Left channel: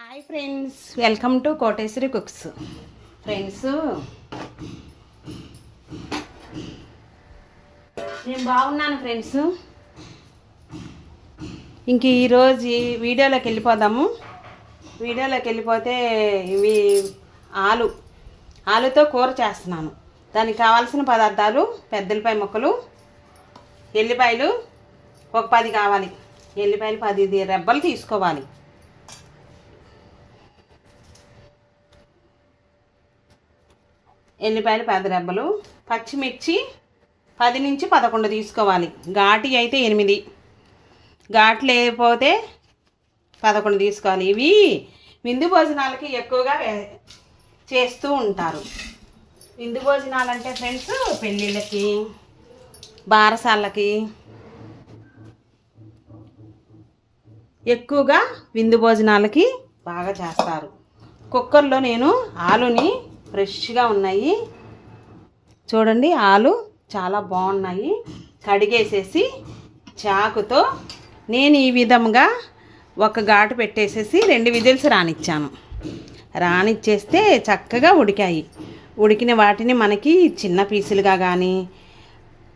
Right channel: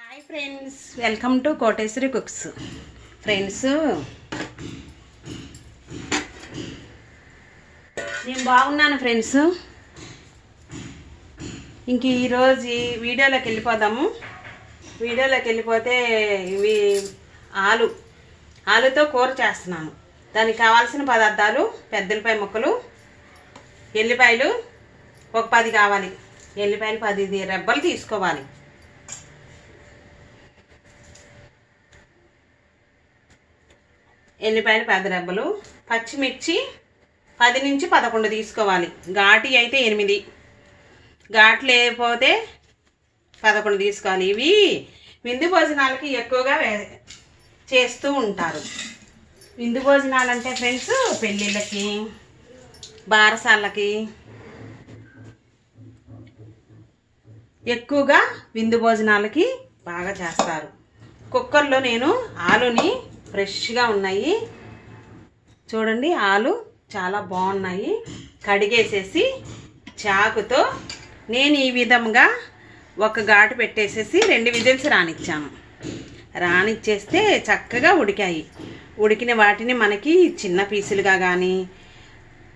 Hi friends, welcome to Koteswari cooks. Friends, నేను బాగున్నాను friends. ఇంక ఈరోజు వీడియోలోకి వెళ్ళిపోదాము. వీడియోలోకి వెళ్ళిపోతే ఇవి ఆలుతో కూర చేస్తున్నాను. దానికి కావాల్సిన పదార్థాలు: పెద్దలపాయ ముక్కలు, ఎల్లిపాయలు ఒక 10 కావాలి. ఎల్లిపాయలు 10 రెబ్బలు తీసుకోవాలి. ఎల్లిపాయలు 10 రెబ్బలు, పచ్చిమిర్చి 10 నుంచి 11 తీసుకోవాలి. ఘాటి అయితే 8, ఘాటు లేకపోతే 11 తీసుకోవాలి. ఇవి విందు భోజనాలకి ఎక్కువగా చేస్తూ ఉంటారు. విందు భోజనాలు అంటే ఫ్రెండ్స్, పెళ్ళిళ్ళకి, బారసాలకి ఎక్కువగా విందు భోజనాలకి బాగా చేస్తారు. కుక్కర్లో నేను ఆలుని ఫ్రెష్గా ఉన్నాయి చూడండి, ఆలు చాలా బాగున్నాయి. కడిగేసేసి చాకుతో నేను ఈ విధంగా ఒక ఘాటు పెట్టేసేసి 2 విజిల్స్ రానిచ్చేస్తే చక్కగా ఉడికాయి. ఉడికిన వాటిని మనకి చిన్న పీసులుగా కానీ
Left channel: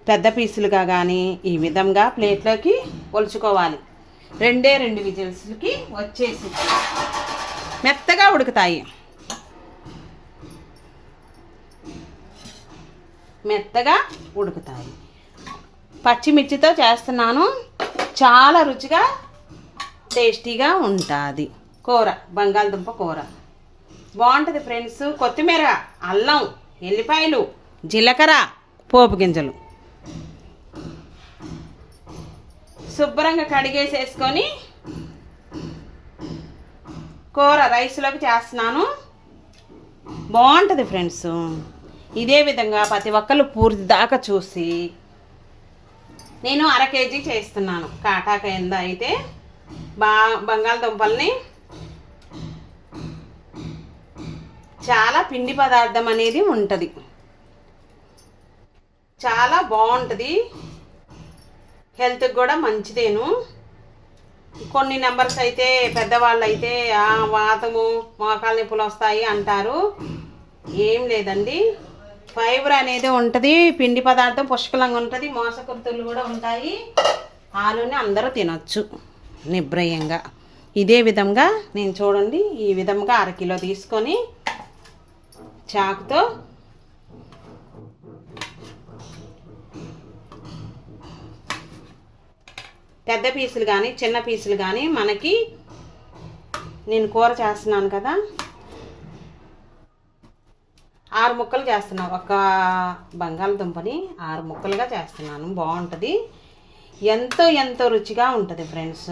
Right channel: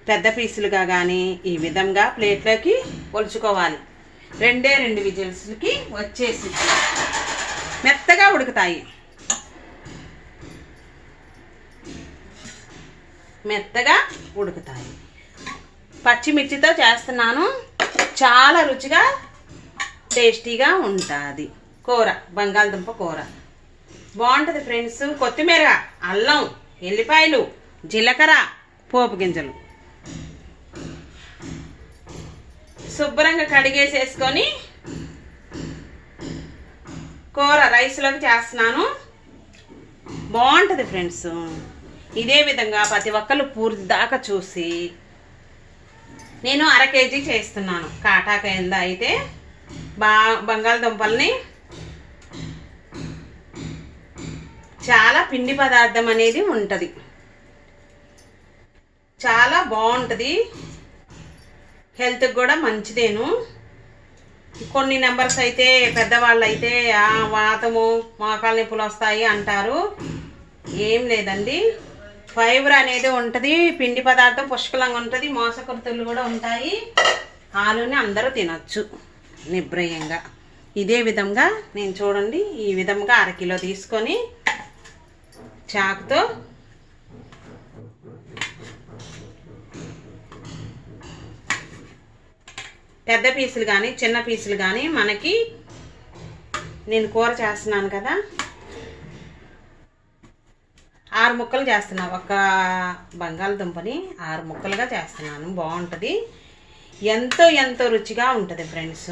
పెద్ద పీసులుగా కానీ ఈ విధంగా ప్లేట్లోకి ఒలుచుకోవాలి. 2 విజిల్స్కి వచ్చేసి మెత్తగా ఉడుకుతాయి. పచ్చిమిర్చితో చేస్తున్నాను. చాలా రుచిగా టేస్టీగా ఉంటుంది కూర. బంగాళదుంప కూర బాగుంటుంది ఫ్రెండ్స్. కొత్తిమీర, అల్లం, ఎల్లిపాయలు, జీలకర్ర, పోపు గింజలు శుభ్రంగా కడిగేసేసుకొని కూర రైస్లోకి చేస్తున్నాను. బాగుంటుంది ఫ్రెండ్స్. ఇదే విధంగా ప్రతి ఒక్కరు పూర్తి దాకా చూసి, నేను 1/2 కేజీ చేస్తున్నాను. కాటాకాయంద అయితే బంగాళదుంపల్ని చాలా పిండి పదార్థం అనేది ఉంటుంది, చాలా బాగుంటుంది. హెల్త్కి కూడా మంచిదేను. కొన్ని నెంబర్స్ అయితే పెద్దవాళ్ళు అయితే వాతము, మోకాలు నొప్పులు వస్తాయి అంటారు. ఏం లేదండి, ఫైబర్ అనేది ఉంటుంది, పిండి పదార్థం పుష్కలంగా ఉంటుంది, మోసకృతులు కూడా ఉంటాయి. ఆలుని అందరూ తినొచ్చు నిబ్రయంగా. ఇదే విధంగా నేను చూడండి, ఈ విధంగా 1/2 కిలో తీసుకొని చాకుతో పెద్ద పీసులు కానీ చిన్న పీసులు కానీ మనకి, నేను కూర చేస్తున్నాను కదా, 6 ముక్కలు చేస్తున్నాను. ఒక బంగాళదుంపని 6 ముక్కలుగా చేస్తున్నాను. బాగుంటుంది, ఎంతో రుచిగా ఉంటుంది ఫ్రెండ్స్.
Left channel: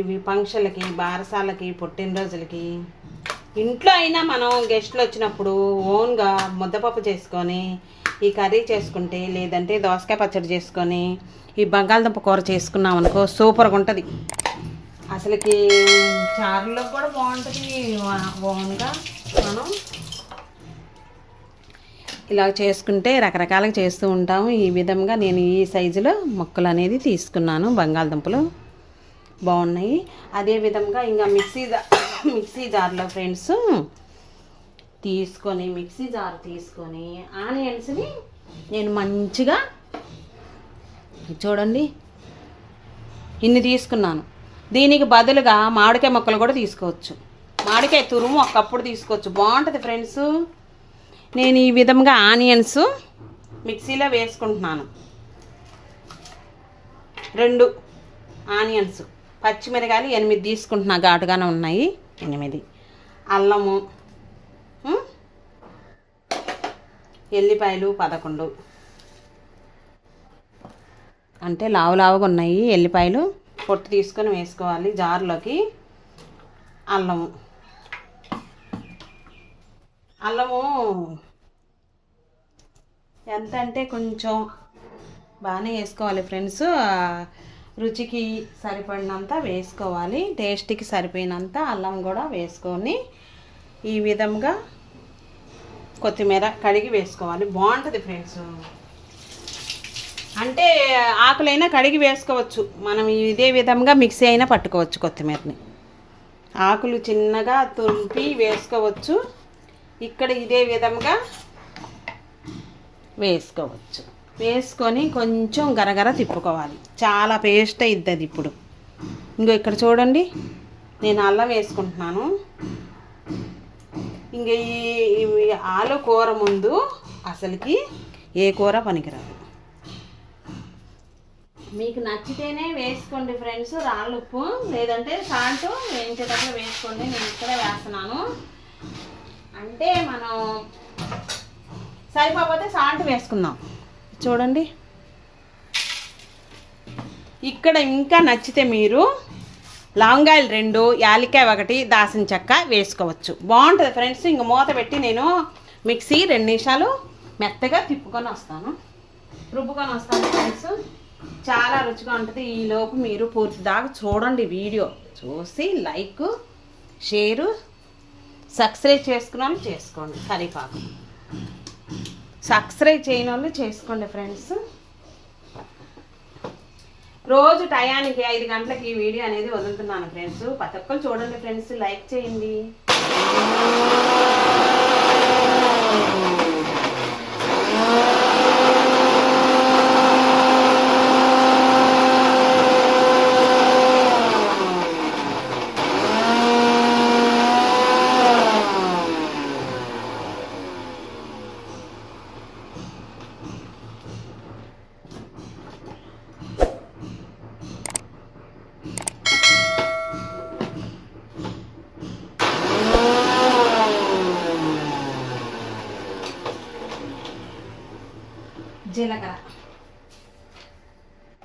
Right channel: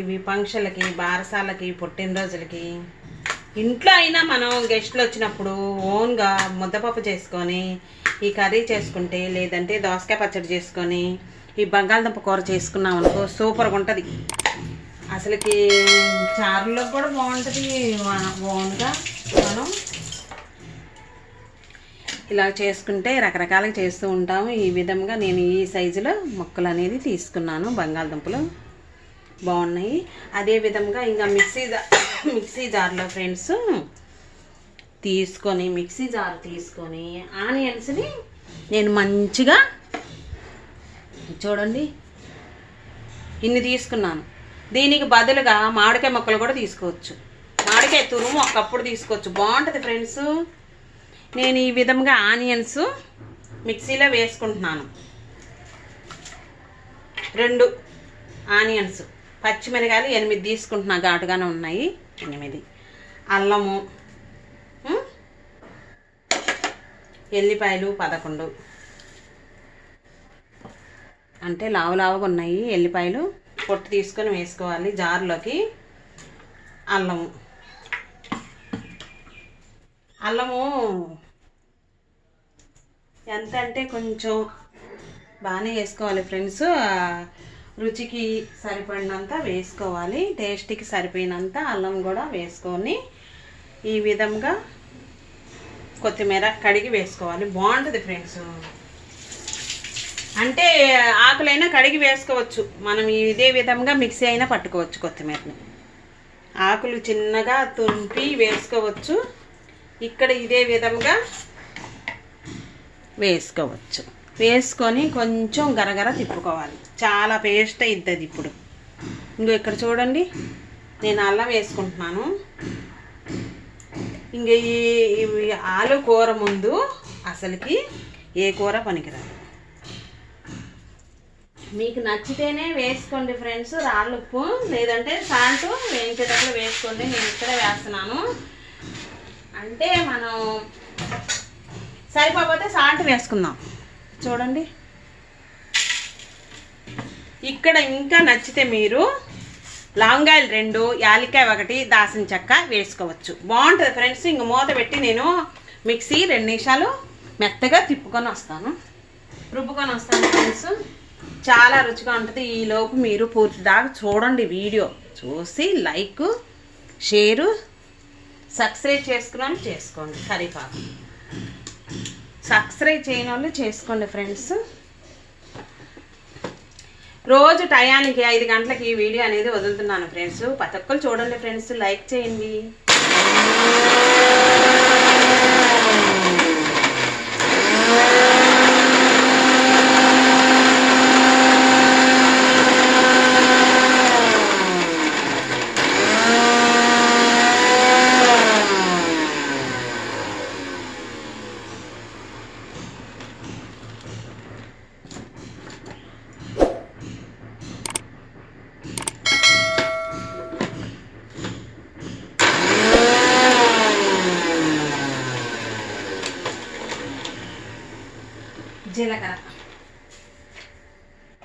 ఇవి ఫంక్షన్లకి, బారసాలకి, పుట్టినరోజులకి, ఇంట్లో అయినా మనం గెస్టులు వచ్చినప్పుడు ఓన్గా ముద్దపప్పు చేసుకొని ఈ కర్రీ చేసుకుంటే, లేదంటే దోసకాయ పచ్చడి చేసుకొని ఈ బంగాళదుంప కూర చేసుకున్నాం అనుకో, సూపర్గా ఉంటుంది. అసలుకి చారులో కూడా బాగుంటుంది. ఓన్గా మనం ఇలా చేసుకుంటే రకరకాలుగా చేస్తూ ఉంటాము. ఈ విధంగా నేను ఈ సైజులో ముక్కలు అనేది తీసుకున్నాను. బంగాళదుంపలు బాగున్నాయి. అదే విధంగా ఇంకా మిక్సీ జార్లో ఫ్రెండ్స్ మిక్సీ జార్ తీసుకొని ఆనియన్స్ని నేను మంచిగా చూడండి ఇన్ని తీసుకున్నాను. దీనికి బదులుగా మామిడికాయ ముక్కలు కూడా తీసుకోవచ్చు. మామిడికాయ తురుము ఒకప్పుడు తీసుకోవచ్చు, బాగుంటుంది ఫ్రెండ్స్. నేను ఈ విధంగా ఆనియన్స్ మిక్సీలో వేసుకుంటున్నాను. 2 ఆనియన్స్, పచ్చిమిరకాయలు 8 తీసుకుంటున్నా, ఘాటుగానే ఉన్నాయి 8. అల్లము, ఎల్లిపాయలు 11, అంటే లావుగా ఉన్నాయి ఎల్లిపాయలు. పొట్టు తీసుకొని వేసుకోవాలి జార్లోకి. అల్లము ఎంత అంటే కొంచెం బాగానే వేసుకోవాలి ఫ్రెండ్స్. రుచికి సరిపడినంత వేసుకోవాలి, టేస్ట్కి సరిపోయినంత అల్లం కూడా వేసుకొని ఈ విధంగా కొత్తిమీర కడిగి వేసుకోవాలి. బాగుంటుంది ఫ్రెండ్స్. అంటే ఆకులైనా కడిగి వేసుకోవచ్చు మనం, ఇదే విధంగా మిక్సీ అయినా పట్టుకోవచ్చు కొత్తిమీరని. ఆకులు చిన్నగా తుంపి వేసుకోవచ్చు. ఇక్కడ ఇదే విధంగా వేసుకోవచ్చు. వేసుకొని కొంచెం గరగర తిప్పుకోవాలి. చాలా పేస్ట్ అవుతుంది. ఇప్పుడు ఇంకో ఇక్కడ చూడండి, నేను అల్లం వేసుకుంటున్నాను. ఇంక ఈ ఆలు కూర ముందు అసలుకి ఏ కూర పనికిరాదు. మీకు నచ్చితేనే వేసుకోండి ఫ్రెండ్స్ రాళ్ళ ఉప్పు, లేదంటే సాల్ట్ వేయించేటప్పుడు వేసుకోండి. నేను ఇక్కడే వేస్తున్నాను. అంటే మనం సరిపోతే సాల్ట్ వేసుకుందాం. చూడండి, ఇక్కడ ఇంకా నచ్చితే మీరు లవంగాయలు 2, యాలక్కాయ 1, దాల్చిన చెక్క వేసుకోవచ్చు. బాగుంటుంది ఫ్రెండ్స్. ఇంక మూత పెట్టి నేను మిక్సీ 2 నిమిషాలు మెత్తగా రుబ్బుకొని వస్తాను ఫ్రెండ్స్. చాలా రుచిగా ఉంటుంది. ఈలోపు మీరు పూర్తి దాకా చూడండి. వీడియో చూసి లైక్, షేరు, సబ్స్క్రైబ్ చేసుకున్నాను చేసుకోండి. కరివేపాకు సబ్స్క్రైబ్ చేయని వాళ్ళు చేసుకోండి ఫ్రెండ్స్. రోజు టయానికి 5 గంటలకి ఈ వీడియో అనేది వదులుతున్నాను ఫ్రెండ్స్. ప్రతి ఒక్కరు చూడండి ఫ్రెండ్స్, లైక్ చేయండి.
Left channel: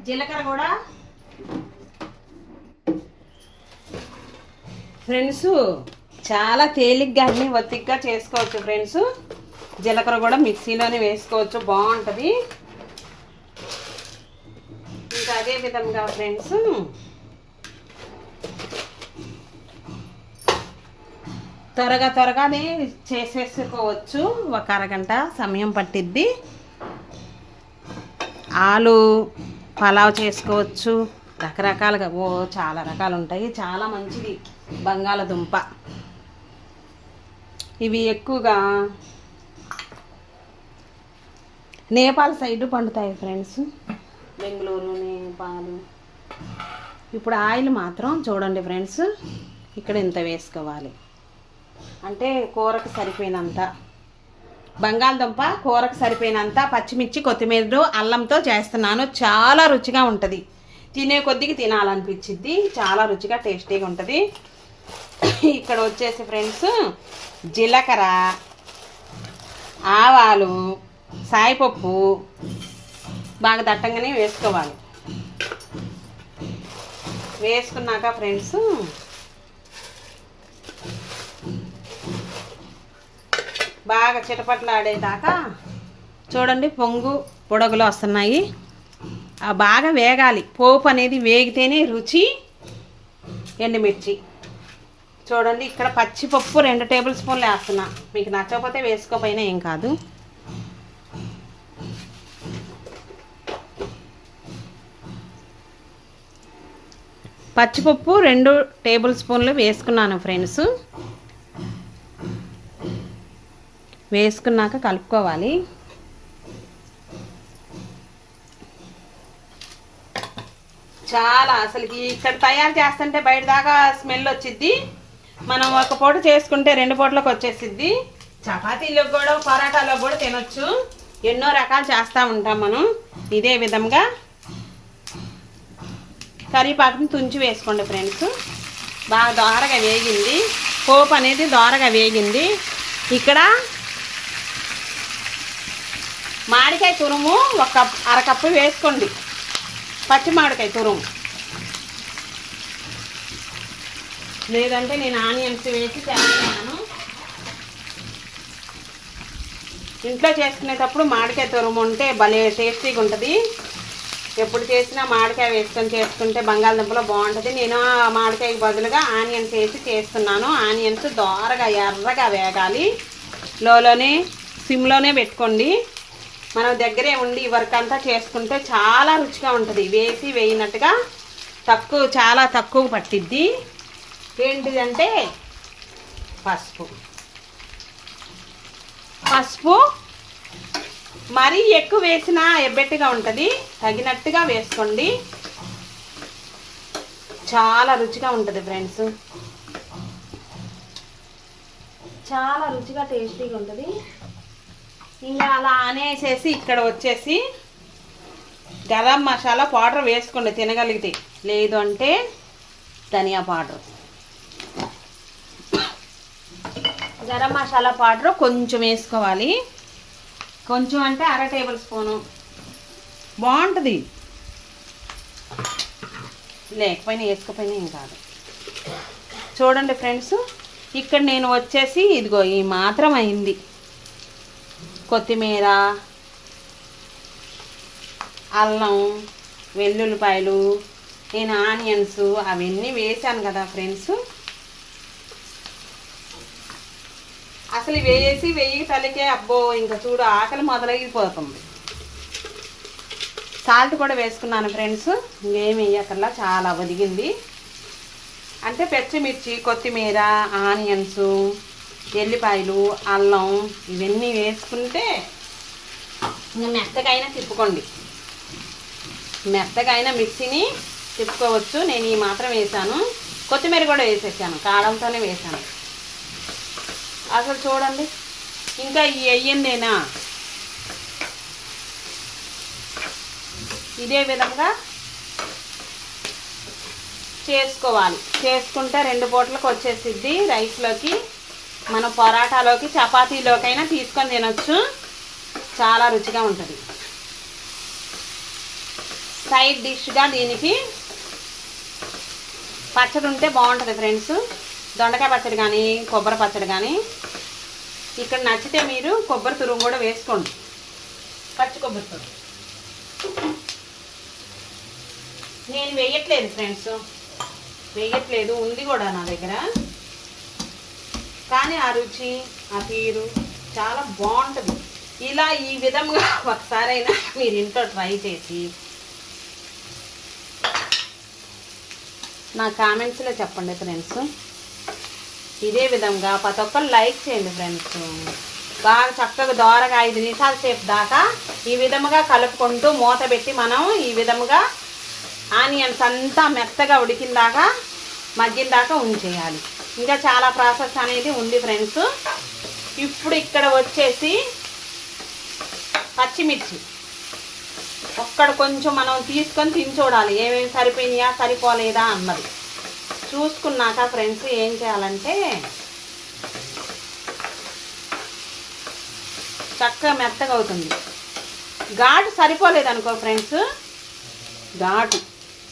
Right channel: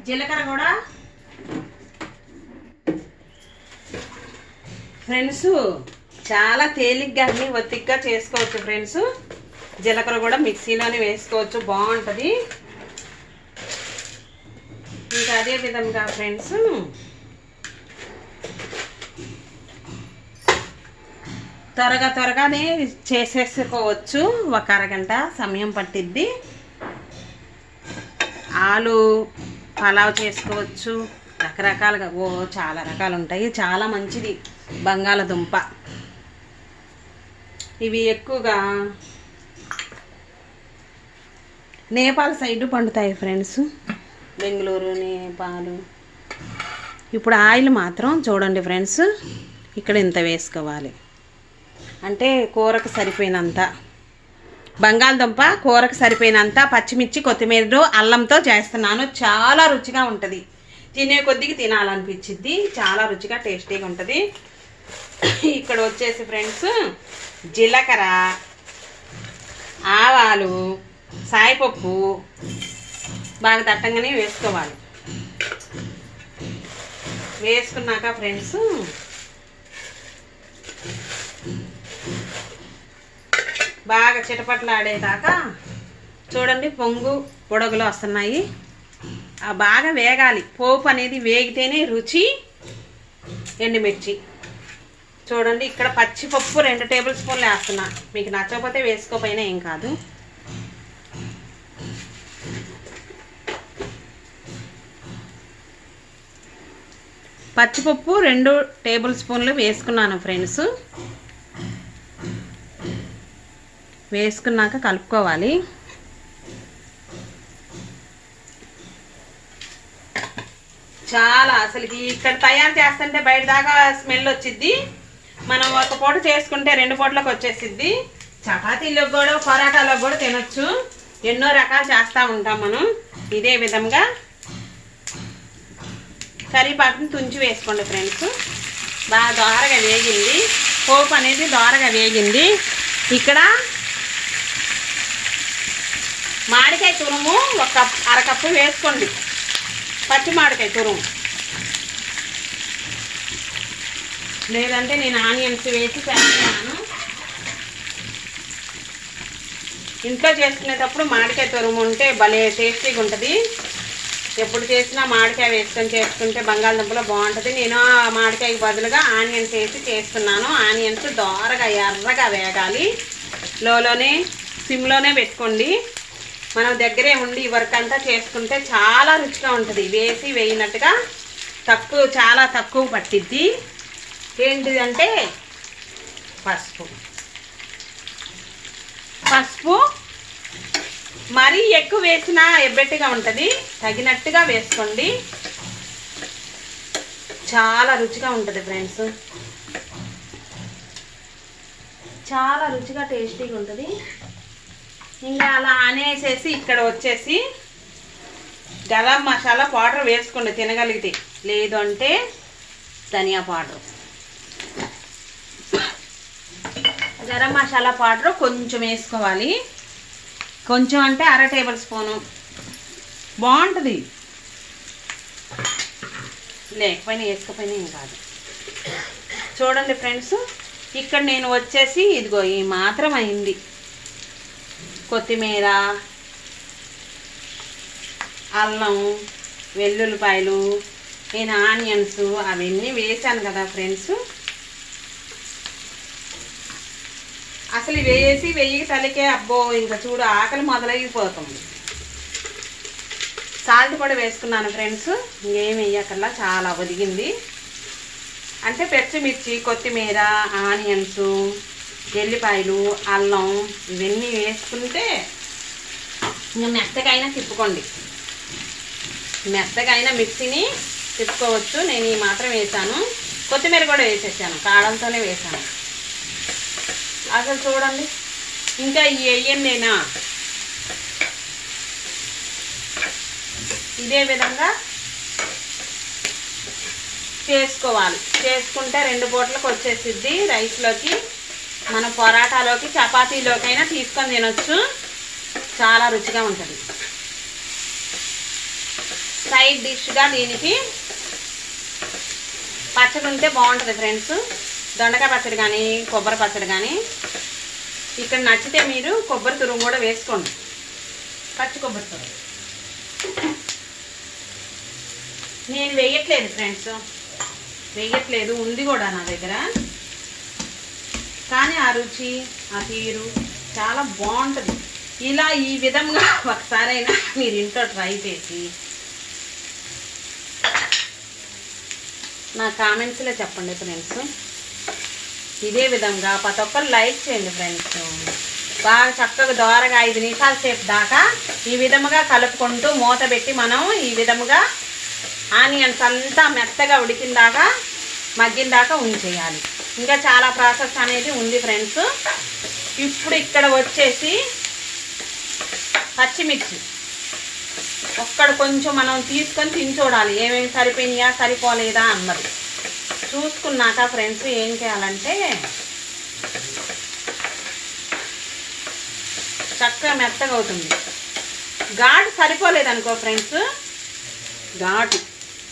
జీలకర్ర కూడా ఫ్రెండ్స్ చాలా తేలిగ్గా అన్ని ఒత్తిగ్గా చేసుకోవచ్చు ఫ్రెండ్స్. జీలకర్ర కూడా మిక్సీలోనే వేసుకోవచ్చు, బాగుంటుంది. ఇంకా అదే విధంగా ఫ్రెండ్స్ త్వరగానే చేసేసుకోవచ్చు. ఒక అరగంట సమయం పట్టిద్ది. ఆలు పలావ్ చేసుకోవచ్చు రకరకాలుగా. చాలా రకాలు ఉంటాయి. చాలా మంచిది బంగాళదుంప. ఇవి ఎక్కువగా నేపాల్ సైడ్ పండుతాయి ఫ్రెండ్స్, బెంగళూరు, నేపాల్. ఇప్పుడు ఆయిల్ మాత్రం చూడండి ఫ్రెండ్స్, ఇక్కడ ఇంత వేసుకోవాలి. అంటే కూరకు సరిపోయినంత బంగాళదుంప, కూరకు సరిపోయినంత పచ్చిమిర్చి, కొత్తిమీర, అల్లంతో చేస్తున్నాను. చాలా రుచిగా ఉంటుంది. తినే కొద్దిగా తినాలనిపించింది. చాలా రుచిగా టేస్టీగా ఉంటుంది. ఇక్కడ వచ్చేసి ఫ్రెండ్స్ జీలకర్ర, ఆవాలు, సాయిపప్పు బాగా దట్టంగానే వేసుకోవాలి. వేసుకున్నాక ఫ్రెండ్స్ బాగా చిటపట్లు ఆడేదాకా చూడండి, పొడుగులు వస్తున్నాయి. బాగా వేగాలి. పోపు అనేది వేగితేనే రుచి. ఎండుమిర్చి చూడండి, ఇక్కడ పచ్చిపప్పు 2 టేబుల్ స్పూన్లు వేస్తున్నా. మీకు నచ్చకపోతే వేసుకోపోయినా ఏం కాదు. పచ్చిపప్పు 2 టేబుల్ స్పూన్లు వేసుకున్నాను ఫ్రెండ్స్. వేసుకున్నాక కలుపుకోవాలి. చాలా అసలుకి ఇక్కడ తయారు చేస్తుంటే బయట దాకా స్మెల్ వచ్చిద్ది. మనం ఒక పూట చేసుకుంటే 2 పూటలకు వచ్చేసిద్ది. చపాతీలో కూడా పరాటాలో కూడా తినొచ్చు. ఎన్నో రకాలు చేస్తూ ఉంటాం మనం. ఇదే విధంగా కరివేపాకుని తుంచి వేసుకోండి ఫ్రెండ్స్. బాగా దోరగా వేగింది. పోపు అనేది దోరగా వేగింది. ఇక్కడ మామిడికాయ తురుము ఒక అరకప్పు వేసుకోండి. పచ్చి మామిడికాయ తురుము, లేదంటే నేను ఆనియన్స్ వేసి చేస్తున్నాను. ఇంట్లో చేసుకునేటప్పుడు మామిడికాయ తురుము ఉంటే భలే టేస్టీగా ఉంటుంది. ఎప్పుడు చేసినా మామిడికాయ వేసుకొని చేసుకుంటే బంగాళదుంపలో బాగుంటుంది. నేను మామిడికాయకి బదులుగా ఆనియన్స్ వేసి చేస్తున్నాను. ఆనియన్స్ దోరగా ఎర్రగా వేగాలి. లోలోనే సిమ్లోనే పెట్టుకోండి. మనం దగ్గరే ఉండి వర్క్ అంతా చేసుకుంటే చాలా రుచిగా ఉంటుంది. వేసి వేయినట్టుగా చాలా తక్కువ పట్టిద్ది. ఏంటిదంటే పసుపు. పసుపు మరీ ఎక్కువ వేసినా ఎబ్బెట్టుగా ఉంటుంది, తగినట్టుగా వేసుకోండి. చాలా రుచిగా ఉంటుంది ఫ్రెండ్స్, చాలా రుచిగా టేస్టీగా ఉంటుంది. ఇంకా అలా అనేసేసి ఇక్కడ వచ్చేసి గరం మసాలా పౌడర్ వేసుకోండి తినగలిగితే, లేదు అంటే ధనియా పౌడర్. గరం మసాలా పౌడర్ కొంచెం వేసుకోవాలి, కొంచెం అంటే 1/2 టేబుల్ స్పూను బాగుంటుంది, లేకపోయినా వేసుకోపోయినా ఏం కాదు. చూడండి ఫ్రెండ్స్, ఇక్కడ నేను వచ్చేసి ఇదిగో ఈ మాత్రం అయింది. కొత్తిమీర, అల్లం, వెల్లుల్లిపాయలు, నేను ఆనియన్స్ అవన్నీ వేసాను కదా ఫ్రెండ్స్. అసలు వేసి వెయ్యి తలకే అబ్బో ఇంకా చూడు ఆకలి మొదలైపోతుంది. సాల్ట్ కూడా వేసుకున్నాను ఫ్రెండ్స్, ఇంకేం వేయకల్లా చాలా ఒదిగింది. అంటే పచ్చిమిర్చి, కొత్తిమీర, ఆనియన్స్, ఎల్లిపాయలు, అల్లం ఇవన్నీ వేసుకుంటే ఇంకా మెత్తకైనా తిప్పుకోండి, మెత్తకైనా మిక్సీని తిప్పుకోవచ్చు. నేను ఈ మాత్రం వేసాను, కొత్తిమీర కూడా వేసేసాను, కారంతోనే వేసాను. అసలు చూడండి ఇంకా ఈ వేయండినా ఇదే విధంగా చేసుకోవాలి. చేసుకుంటే 2 పూటలకు వచ్చేసిద్ది. రైస్లోకి, మన పరాటాలోకి, చపాతీలోకైనా తీసుకొని తినొచ్చు, చాలా రుచిగా ఉంటుంది. సైడ్ డిష్గా దీనికి పచ్చడి ఉంటే బాగుంటుంది ఫ్రెండ్స్, దొండకాయ పచ్చడి కానీ కొబ్బరి పచ్చడి కానీ. ఇక్కడ నచ్చితే మీరు కొబ్బరి తురుము కూడా వేసుకోండి, పచ్చి కొబ్బరి తురుము. నేను వేయట్లేదు ఫ్రెండ్స్, వేయట్లేదు, ఉంది కూడా నా దగ్గర. కానీ ఆ రుచి, ఆ తీరు చాలా బాగుంటుంది. ఇలా ఈ విధంగా ఒకసారైనా మీరు ఇంట్లో ట్రై చేసి నా కామెంట్స్లో చెప్పండి ఫ్రెండ్స్. ఇదే విధంగా ప్రతి ఒక్కరు లైక్ చేయండి ఫ్రెండ్స్. బాగా చక్కగా దోరగా 5 నిమిషాల సేపు దాకా ఈ విధముగా కలుపుకుంటూ మూత పెట్టి మనం ఈ విధముగా ఆనియన్స్ అంతా మెత్తగా ఉడికిన దాకా, మగ్గిన దాకా ఉంచేయాలి. ఇంకా చాలా ప్రాసెస్ అనేది ఉంది ఫ్రెండ్స్. ఇప్పుడు ఇక్కడ వచ్చేసి పచ్చిమిర్చి ఒక్కడ కొంచెం మనం తీసుకొని తిని చూడాలి, ఏమేమి సరిపోయినాయా సరిపోలేదా అన్నది. చూసుకున్నాక ఫ్రెండ్స్ ఏం చేయాలంటే చక్కగా మెత్తగా అవుతుంది. ఘాటు సరిపోలేదనుకో ఫ్రెండ్స్, ఘాటు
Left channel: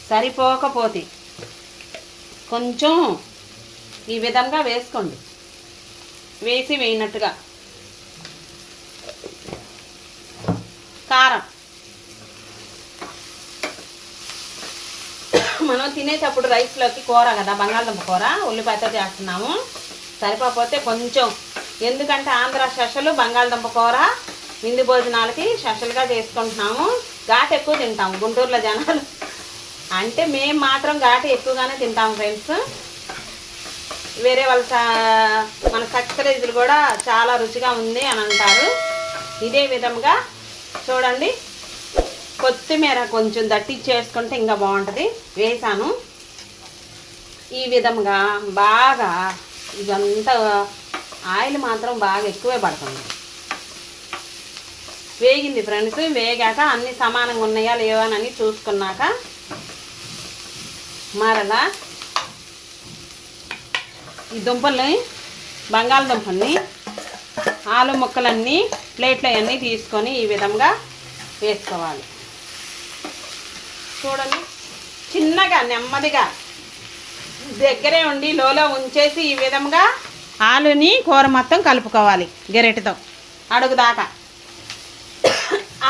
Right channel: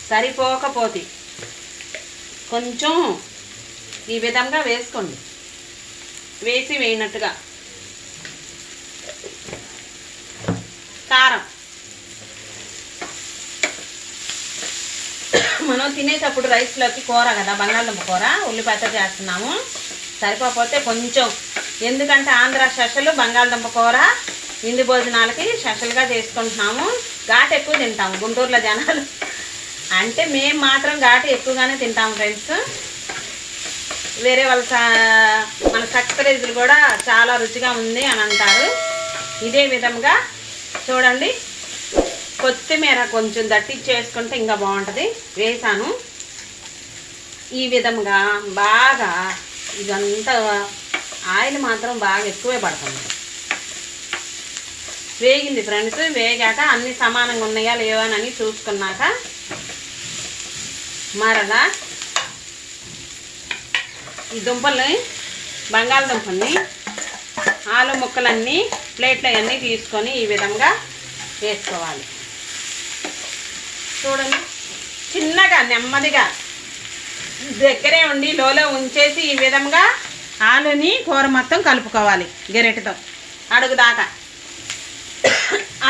సరిపోకపోతే కొంచెం ఈ విధంగా వేసుకోండి, వేసి వేయినట్టుగా. కారం మనం తినేటప్పుడు రైస్లోకి కూర కదా, బంగాళదుంప కూర ఉల్లిపాయతో చేస్తున్నాము, సరిపోతే కొంచెం, ఎందుకంటే ఆంధ్ర స్పెషల్ బంగాళదుంప కూర విందు భోజనాలకి స్పెషల్గా చేసుకుంటున్నాము. ఘాటు ఎక్కువ తింటాము గుంటూరులో జనాలు, అంటే మేము మాత్రం ఘాటు ఎక్కువగానే తింటాము ఫ్రెండ్స్. వేరే వాళ్ళ మన సక్సరేజులు కూడా చాలా రుచిగా ఉంది అని అంటారు. ఇదే విధంగా చూడండి, కొత్తిమీర కొంచెం దట్టించేసుకుంటే ఇంకా బాగుంటుంది, వేసాను. ఈ విధంగా బాగా ఇదంతా ఆయిల్ మాత్రం బాగా ఎక్కువే పడుతుంది. వేగింది ఫ్రెండ్స్, వేగాక అన్నీ సమానంగా ఉన్నాయా లేవని చూసుకున్నాక మరలా ఈ దుంపల్ని, బంగాళదుంపల్ని, ఆలు ముక్కలన్నీ ప్లేట్లు అవన్నీ తీసుకొని ఈ విధంగా వేసుకోవాలి. చూడండి చిన్నగా నెమ్మదిగా దగ్గరే ఉండి లోలో ఉంచేసి ఈ విధంగా ఆలుని కూర మొత్తం కలుపుకోవాలి గరిటెతో అడుగు దాకా.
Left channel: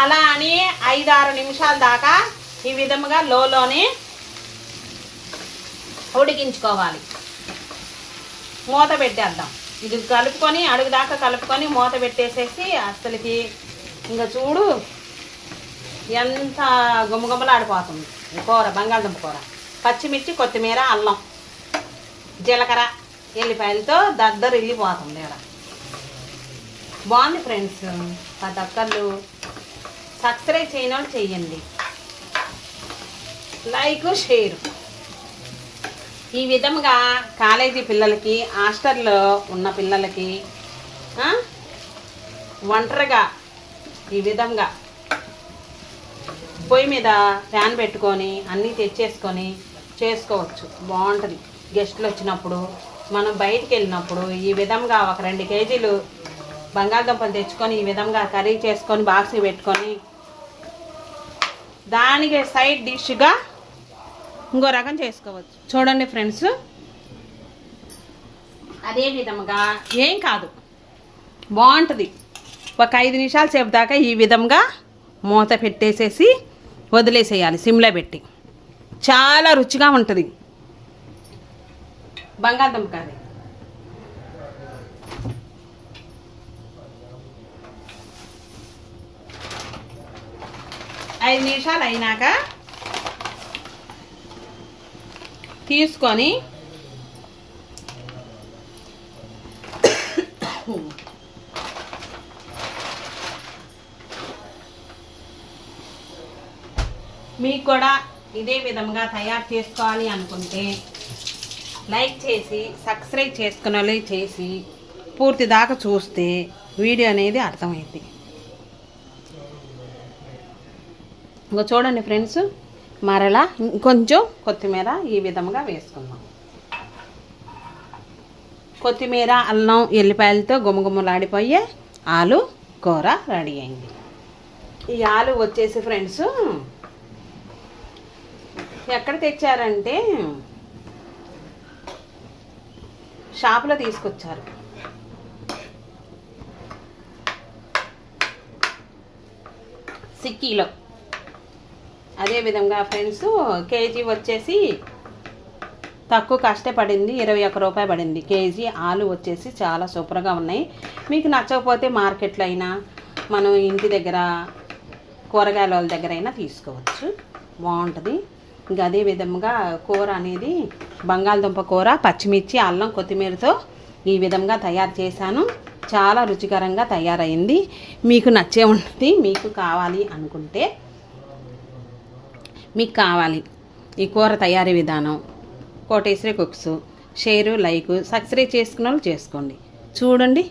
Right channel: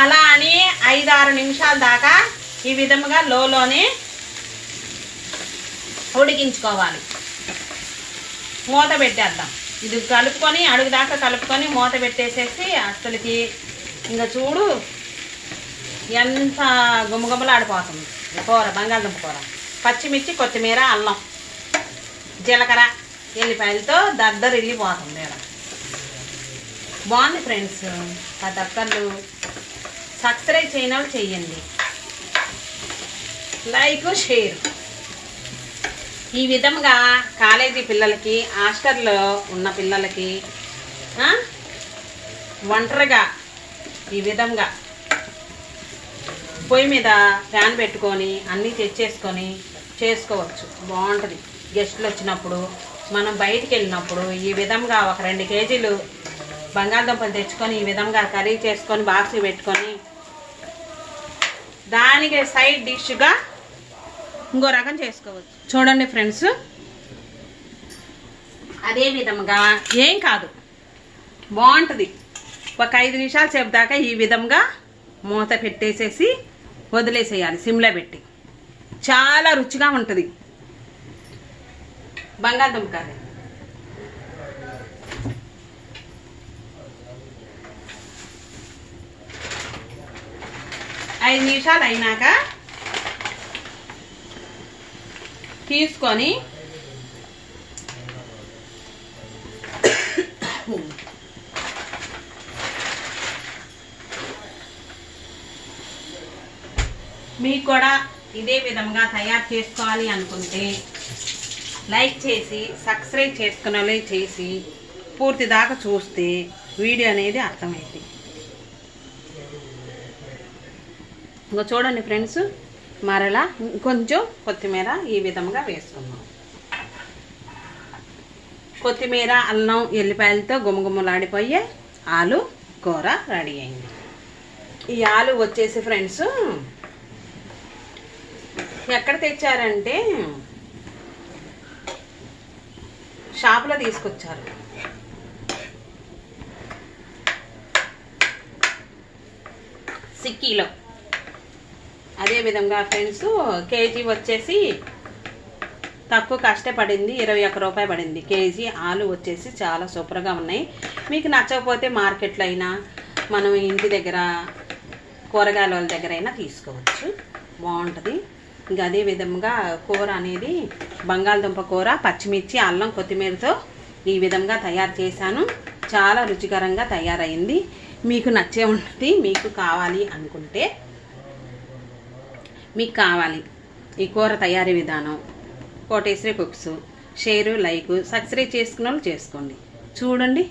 అలా అని 5-6 నిమిషాల దాకా ఈ విధంగా లోలోనే ఉడికించుకోవాలి. మూత పెట్టేద్దాం. ఇది కలుపుకొని అడుగు దాకా కలుపుకొని మూత పెట్టేసేసి అసలుకి ఇంకా చూడు ఎంత గుమ్మగుమ్మలాడిపోతుంది కూర, బంగాళదుంప కూర. పచ్చిమిర్చి, కొత్తిమీర, అల్లం జీలకర్ర ఎల్లిపాయలతో దద్దరు వెళ్ళిపోతుంది ఇలా. బాగుంది ఫ్రెండ్స్. ప్రతి ఒక్కళ్ళు సబ్స్క్రైబ్ చేయని వాళ్ళు చెయ్యండి, లైక్ షేర్. ఈ విధంగా కాలేజీ పిల్లలకి, హాస్టల్లో ఉన్న పిల్లలకి ఒంటరిగా ఈ విధంగా పొయ్యి మీద ప్యాన్ పెట్టుకొని అన్నీ తెచ్చేసుకొని చేసుకోవచ్చు. బాగుంటుంది. గెస్టులు వచ్చినప్పుడు, మనం బయటికి వెళ్ళినప్పుడు ఈ విధంగా ఒక 2 కేజీలు బంగాళదుంపలు తెచ్చుకొని ఈ విధంగా కర్రీ చేసుకొని బాక్స్కి పెట్టుకొని దానికి సైడ్ డిష్గా ఇంకో రకం చేసుకోవచ్చు. చూడండి ఫ్రెండ్స్, అదే విధంగా ఏం కాదు, బాగుంటుంది. ఒక 5 నిమిషాల సేపు దాకా ఈ విధంగా మూత పెట్టేసేసి వదిలేసేయాలి సిమ్లో పెట్టి. చాలా రుచిగా ఉంటుంది బంగాళదుంప కర్రీ. ఐదు నిమిషాలు అయినాక తీసుకొని మీకు కూడా ఇదే విధంగా తయారు చేసుకోవాలి అనుకుంటే లైక్ చేసి సబ్స్క్రైబ్ చేసుకునే చేసి పూర్తి దాకా చూస్తే వీడియో అనేది అర్థమైంది. ఇంకా చూడండి ఫ్రెండ్స్, మరలా ఇంకొంచెం కొత్తిమీర ఈ విధంగా వేసుకుందాం. కొత్తిమీర, అల్లం, ఎల్లిపాయలతో గుమగుమలాడిపోయే ఆలు కూర రెడీ అయింది. ఈ ఆలు వచ్చేసి ఫ్రెండ్స్ ఎక్కడ తెచ్చారంటే షాపులో తీసుకొచ్చారు. సిక్కీలో. అదేవిధంగా ఫ్రెండ్స్ కేజీ వచ్చేసి తక్కువ కష్టపడింది, 21 రూపాయి పడింది కేజీ. ఆలు వచ్చేసి చాలా సూపర్గా ఉన్నాయి. మీకు నచ్చకపోతే మార్కెట్లో అయినా మనం ఇంటి దగ్గర కూరగాయల వాళ్ళ దగ్గర అయినా తీసుకోవచ్చు, బాగుంటుంది. ఇంకా అదే విధంగా కూర అనేది బంగాళదుంప కూర పచ్చిమిర్చి, అల్లం, కొత్తిమీరతో ఈ విధంగా తయారు చేశాను. చాలా రుచికరంగా తయారైంది. మీకు నచ్చే ఉంటుంది. మీకు కావాలి అనుకుంటే, మీకు కావాలి ఈ కూర తయారీ విధానం, Koteswari cooks share, like, subscribe చేసుకున్న వాళ్ళు చేసుకోండి. చూడండి,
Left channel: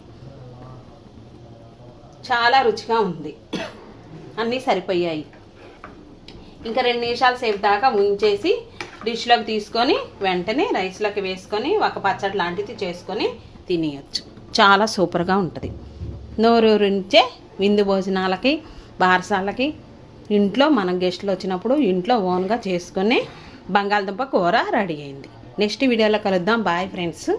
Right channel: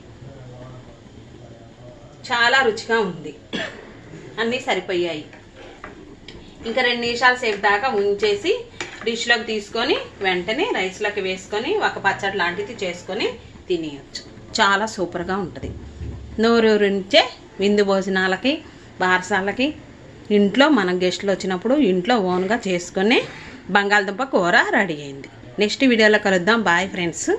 చాలా రుచిగా ఉంది. అన్నీ సరిపోయాయి. ఇంకా 2 నిమిషాల సేపు దాకా ఉంచేసి డిష్లోకి తీసుకొని వెంటనే రైస్లోకి వేసుకొని ఒక పచ్చడి లాంటిది చేసుకొని తినేయచ్చు. చాలా సూపర్గా ఉంటుంది. నోరూరించే విందు భోజనాలకి, బారసాలకి, ఇంట్లో మన గెస్టులు వచ్చినప్పుడు ఇంట్లో ఓన్గా చేసుకునే బంగాళదుంప కూర రెడీ అయింది. నెక్స్ట్ వీడియోలో కలుద్దాం. Bye friends.